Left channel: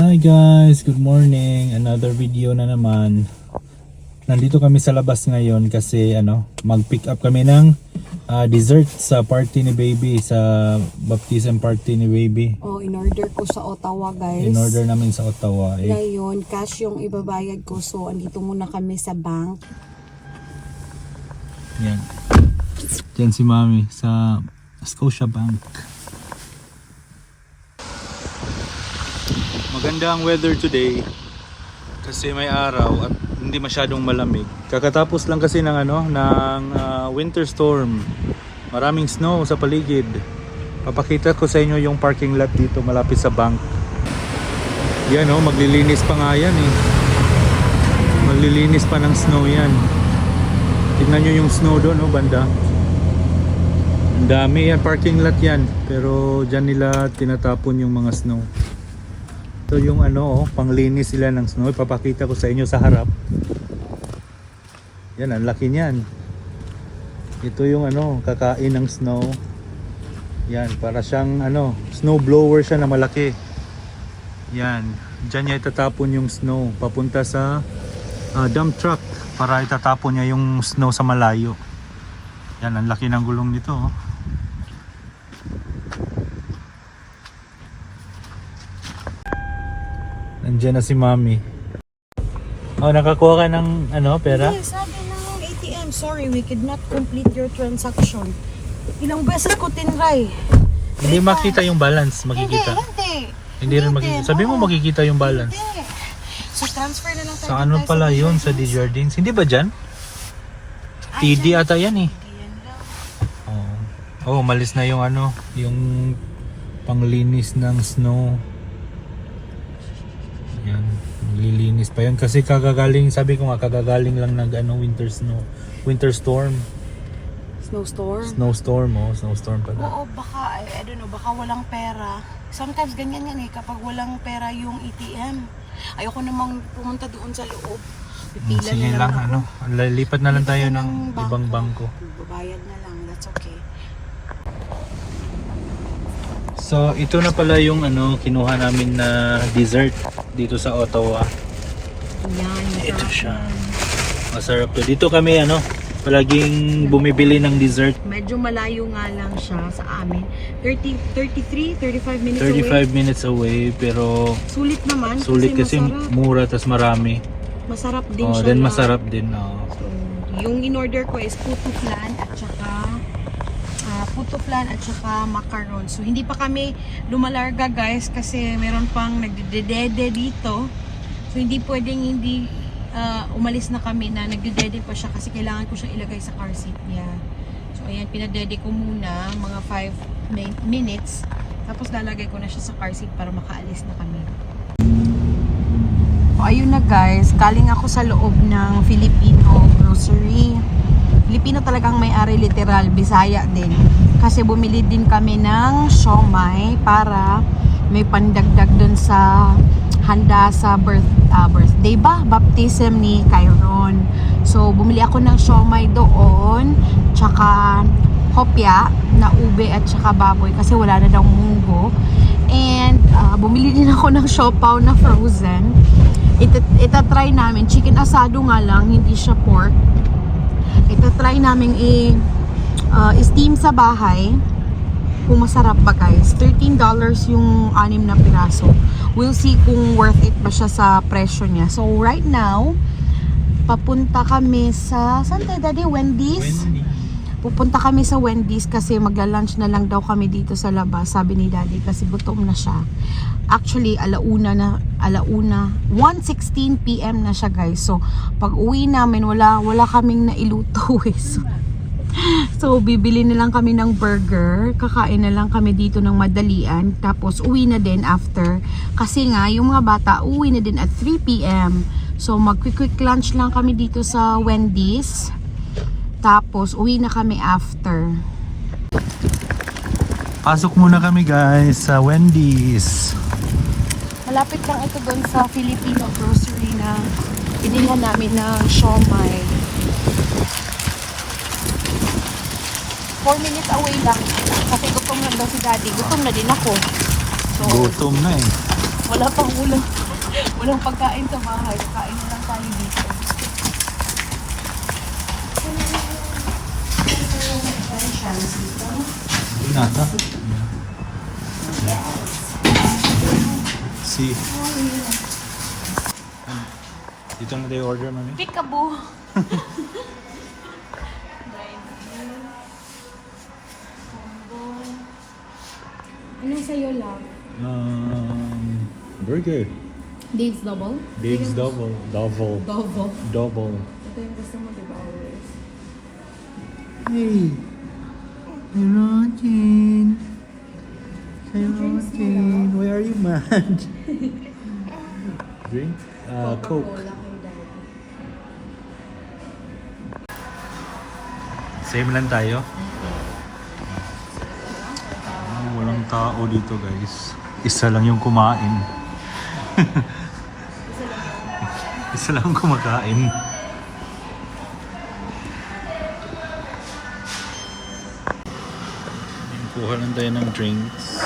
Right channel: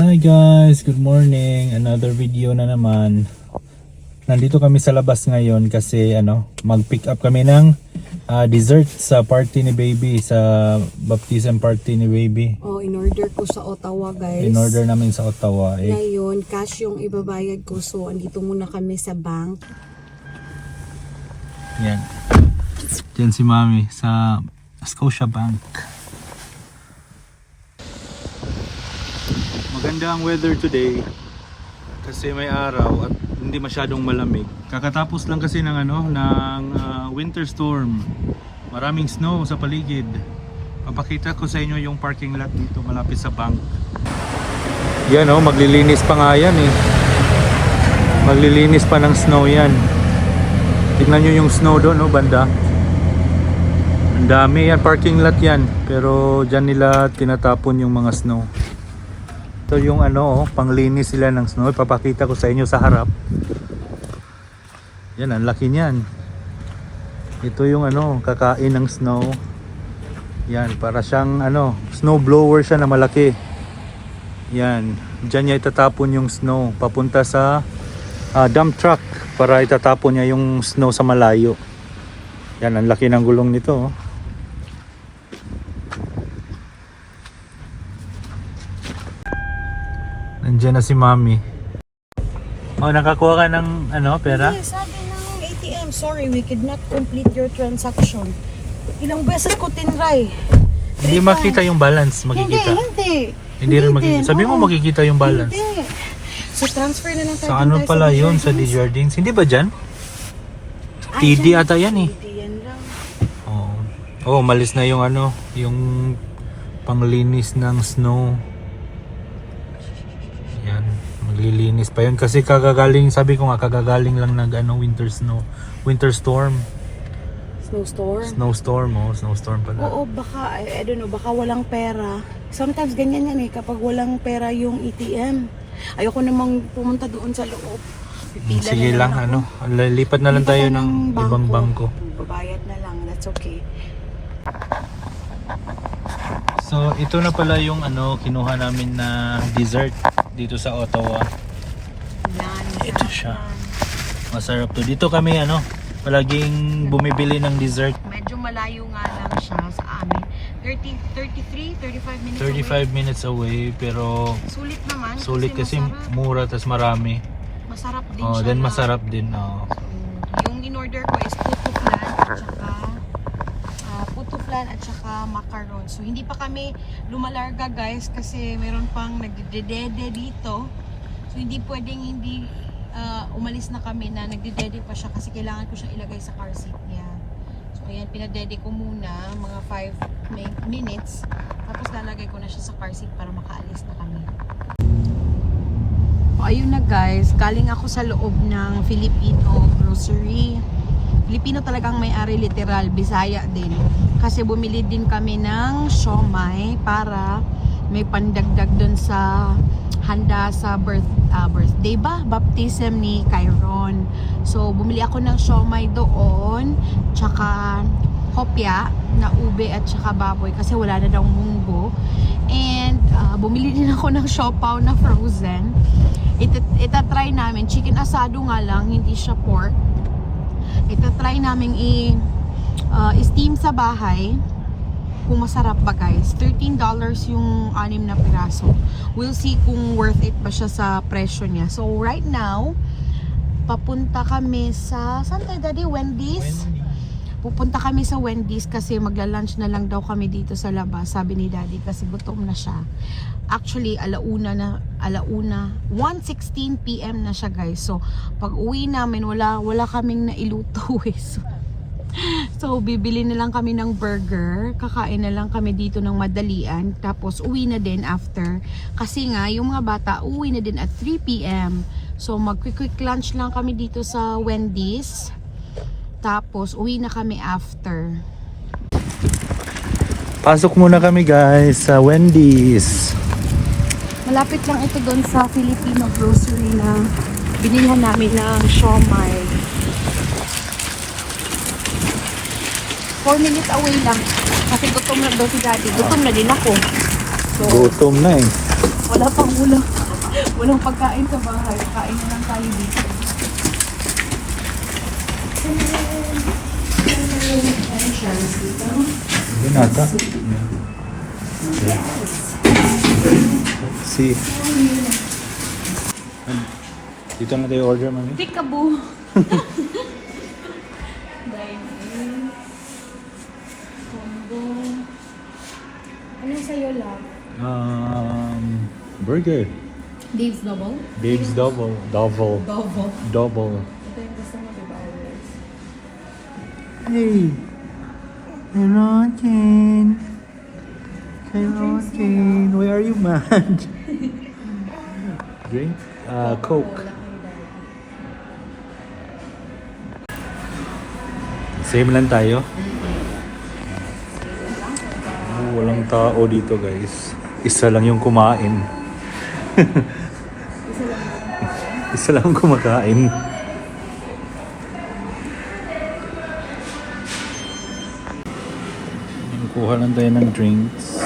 Hi guys, good morning. Another video na naman. Nandito kami sa labas ngayon kasi mag-pick up kami ng dessert sa party ni baby, sa baptism party ni baby. In-order ko sa Ottawa, guys. In-order namin sa Ottawa. Ngayon, cash yung ibabayad ko. So, andito muna kami sa bank. Yan. Diyan si Mami sa Scotia Bank. Maganda ang weather today kasi may araw at hindi masyadong malamig. Kakatapos lang kasi ng winter storm. Maraming snow sa paligid. Papakita ko sa inyo yung parking lot dito malapit sa bank. Yan maglilinis pa nga yan eh. Maglilinis pa ng snow yan. Tignan nyo yung snow doon banda. Ang dami yan, parking lot yan. Pero dyan nila tinatapon yung mga snow. Ito yung panglinis sila ng snow. Papakita ko sa inyo sa harap. Yan, ang laki niyan. Ito yung kakain ng snow. Yan, para siyang snow blower siya na malaki. Yan, dyan niya itatapon yung snow papunta sa dump truck para itatapon niya yung snow sa malayo. Yan, ang laki ng gulong nito. Nandiyan na si Mami. Nakakuha ka ng pera? Hindi, sabi ng ATM, sorry, we could not complete your transaction. Ilang beses ko tinry. Hindi makita yung balance. Makikita. Hindi rin makikita. Sabi mo makikita yung balance. Hindi. So transfer na lang tayo. Sa pala yun? Sa Desjardins? Hindi ba dyan? TD ata yan eh. TD yan lang. Malis na yung yung panglinis ng snow. Yan, maglilinis pa yun kasi kagagaling, sabi ko nga kagagaling lang ng winter storm. Snowstorm pala. Oo, baka I don't know, baka walang pera. Sometimes ganyan yan eh kapag walang pera yung ATM. Ayoko namang pumunta doon sa loob. Sige lang, lipat na lang tayo ng ibang bangko. Babayad na lang, that's okay. So ito na pala yung kinuha namin na dessert dito sa Ottawa. Yan, Ito siya. Masarap to. Dito kami palaging bumibili ng dessert. medyo malayo nga lang siya sa amin. 35 minutes 35 minutes away pero Sulit naman. sulit kasi masarap. mura tas marami. Masarap din siya. Then lang. masarap din. So, yung in-order ko is puto flan at saka macaron. So hindi pa kami lumalarga guys kasi meron pang nagdedede dito. So hindi pwedeng hindi umalis na kami na nagdedede pa siya kasi kailangan ko siyang ilagay sa car seat niya. So ayan, pinadede ko muna mga 5 minutes tapos lalagay ko na siya sa car seat para makaalis na kami. So ayun na guys, galing ako sa loob ng Filipino grocery. Filipino talagang may-ari, literal, Bisaya din. Kasi bumili din kami ng siomai para may pandagdag dun sa handa sa birthday ba? Baptism ni Kyron. So bumili ako ng siomai doon, tsaka hopya na ube at tsaka baboy kasi wala na daw munggo. And bumili din ako ng siopaw na frozen. Itatry namin, chicken asado nga lang, hindi siya pork. Itatry namin i-steam sa bahay kung masarap ba guys. $13 yung 6 na piraso. We'll see kung worth it ba siya sa presyo niya. So right now papunta kami sa saan tayo daddy? Wendy's? Pupunta kami sa Wendy's kasi magla-lunch na lang daw kami dito sa labas, sabi ni daddy, kasi gutom na siya. Actually, 1:16 PM na siya guys. So, pag uwi namin, wala kaming nailuto eh. So, bibili na lang kami ng burger. Kakain na lang kami dito ng madalian. Tapos, uwi na din after. Kasi nga, yung mga bata, uwi na din at 3 PM. So, mag-quick lunch lang kami dito sa Wendy's. Tapos, uwi na kami after. Pasok muna kami guys sa Wendy's. Malapit lang ito doon sa Filipino grocery na binilihan namin ng siomai. 4 minutes away lang. Kasi gutom na daw si daddy. Gutom na din ako. So, Gutom na eh. wala pang Walang pagkain sa bahay. Kain na lang tayo dito. Yun ata. Yeah. Okay. Let's see. Dito na tayo order, mami. Peekaboo! Ano sa'yo, love? Burger. Dave's Double? Dave's double. Double. Double. Double. Ito yung gusto mo, diba, always? Hey. Rotin. Hey, Rotin. Where are you, man? Drink? Coke. Same lang tayo. Walang tao dito, guys. Isa lang yung kumain. Isa lang kumakain. Kuha lang tayo ng drinks.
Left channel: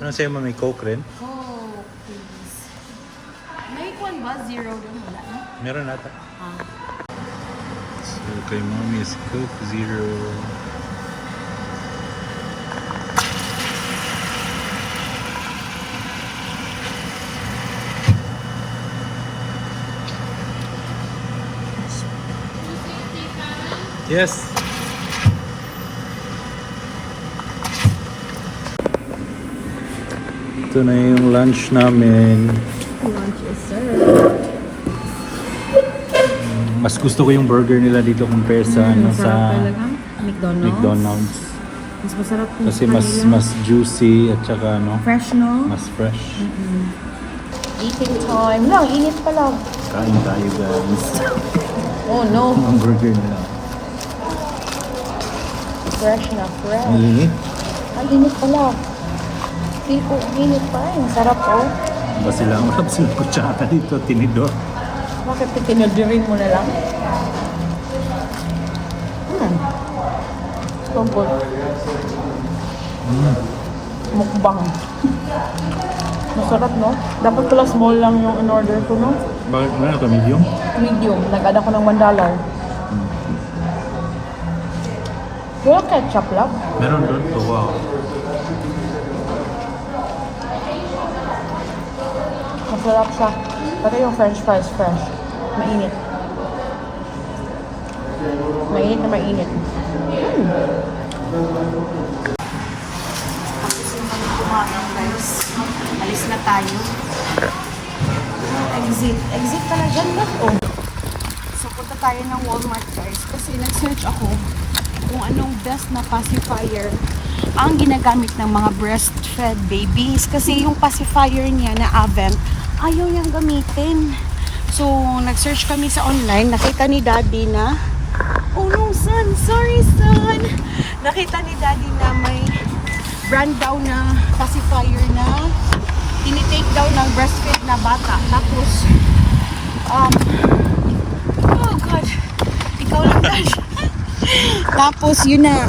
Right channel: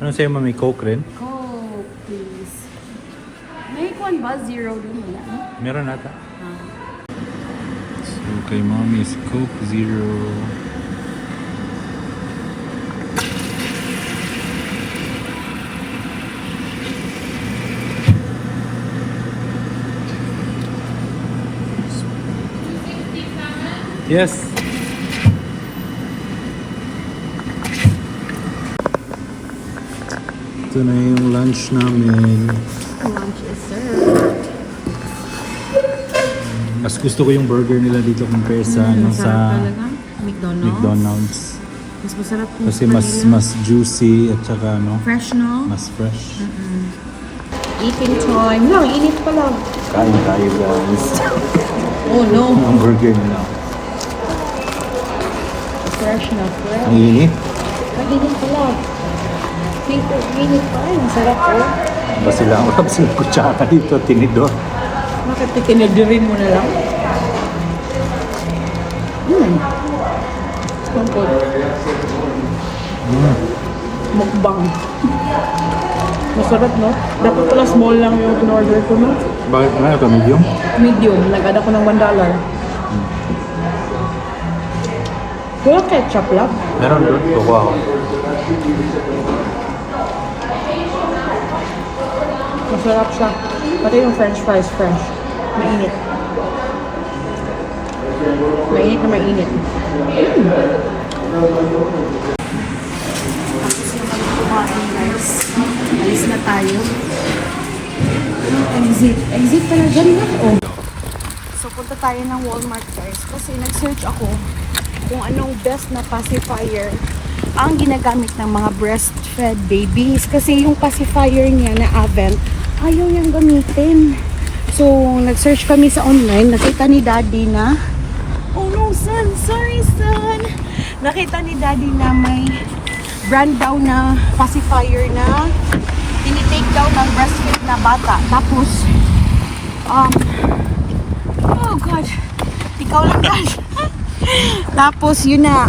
Ano sa'yo, mami? Coke rin? Coke, please. May kwan ba? Zero dun wala, no? Meron natin. So, kay mami is Coke Zero. Yes. Ito na yung lunch namin. Lunch is served. Mas gusto ko yung burger nila dito compare sa ano sa talaga. McDonald's. McDonald's. Mas masarap yung Kasi mas juicy at saka ano, fresh, no? mas fresh. Eating time. Lang, init pa lang. Kain tayo, guys. Oh, no. Ang burger nila. Fresh na fresh. Ang init. Ang init pa lang. Paper, init pa. Ay, masarap, oh. Ba sila ako tapos yung kutsara dito, tinidor. Bakit ikinadirin mo na lang? Pampol. Mukbang. Masarap, no? Dapat pala small lang yung in-order ko, no? Bakit ano ito, medium? Medium. Nag-add ako ng $1. Wala ketchup lang. Meron doon? So, wow. Masarap siya. Pati yung french fries fresh. Mainit. Mainit na mainit. Kumain, guys. Alis na tayo. Exit. Exit pala dyan, guys. Oh. So, punta tayo ng Walmart, guys. Kasi nag-search ako kung anong best na pacifier ang ginagamit ng mga breastfed babies. Kasi yung pacifier niya na Avent, ayaw niyang gamitin. So, nag-search kami sa online. Nakita ni Daddy na, oh no, son. Sorry, son. Nakita ni Daddy na may brand daw na pacifier na tinitake daw ng breastfed na bata. Tapos, oh God. Ikaw lang, God. Tapos, yun na,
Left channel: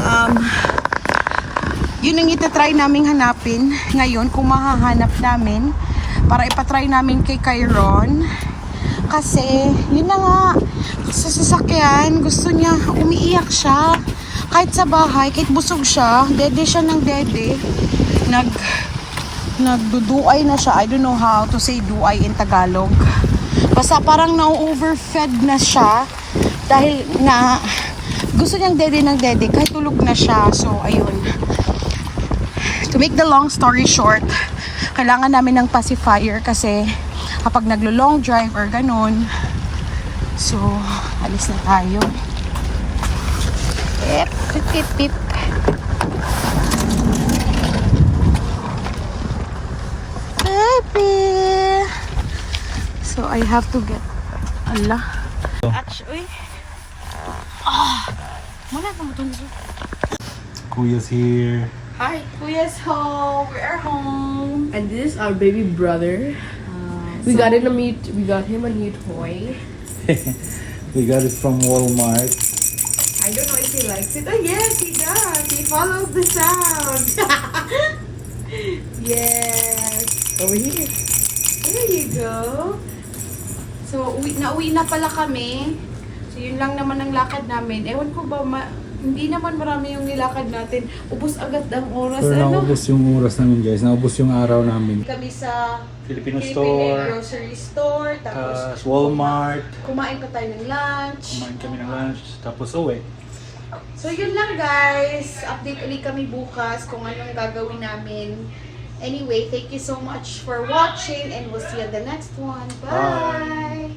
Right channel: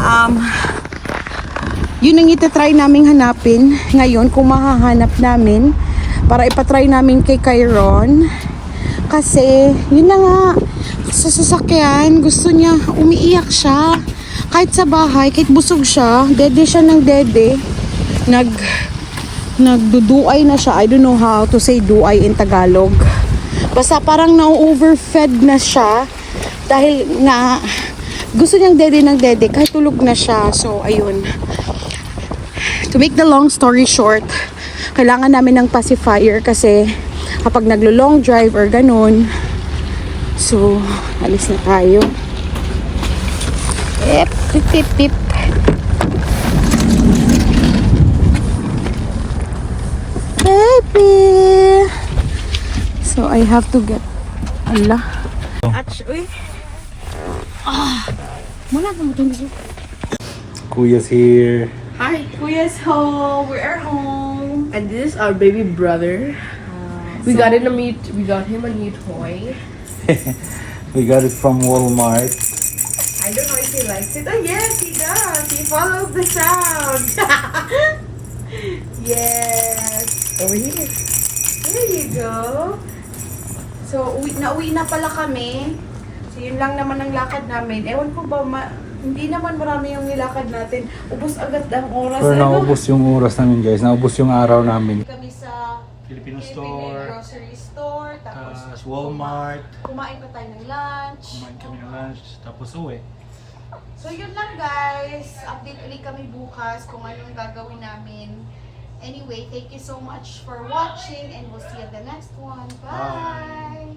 yun ang itatry naming hanapin ngayon kung mahahanap namin para ipatry namin kay Kyron. Kasi, yun na nga, sa sasakyan, gusto niya, umiiyak siya. Kahit sa bahay, kahit busog siya, dede siya ng dede. Nagduduay na siya. I don't know how to say duay in Tagalog. Basta parang na-overfed na siya. Dahil nga, gusto niyang dede ng dede, kahit tulog na siya. So, ayun. To make the long story short, kailangan namin ng pacifier kasi kapag naglo-long drive or ganun. So, alis na tayo. Tip, tip, tip, tip. Baby! So, I have to get... Allah. Actually... Muna pa mo ito. Kuya's here. Hi, Kuya. is home. We are home. And this is our baby brother. We got him a new toy. We got it from Walmart. I don't know if he likes it. Oh yes, he does. He follows the sound. Yes. Over here. There you go. So, nauwi na pala kami. So, yun lang naman ang lakad namin. Ewan ko ba, hindi naman marami yung nilakad natin. Ubus agad ang oras. Pero naubos yung oras namin guys. Naubos yung araw namin. Kami sa Filipino Philippine store, grocery store. Tapos, Walmart. kumain pa tayo ng lunch. Kumain kami ng lunch. Tapos uwi. So, yun lang guys. Update ulit kami bukas kung anong gagawin namin. Anyway, thank you so much for watching and we'll see you in the next one. Bye!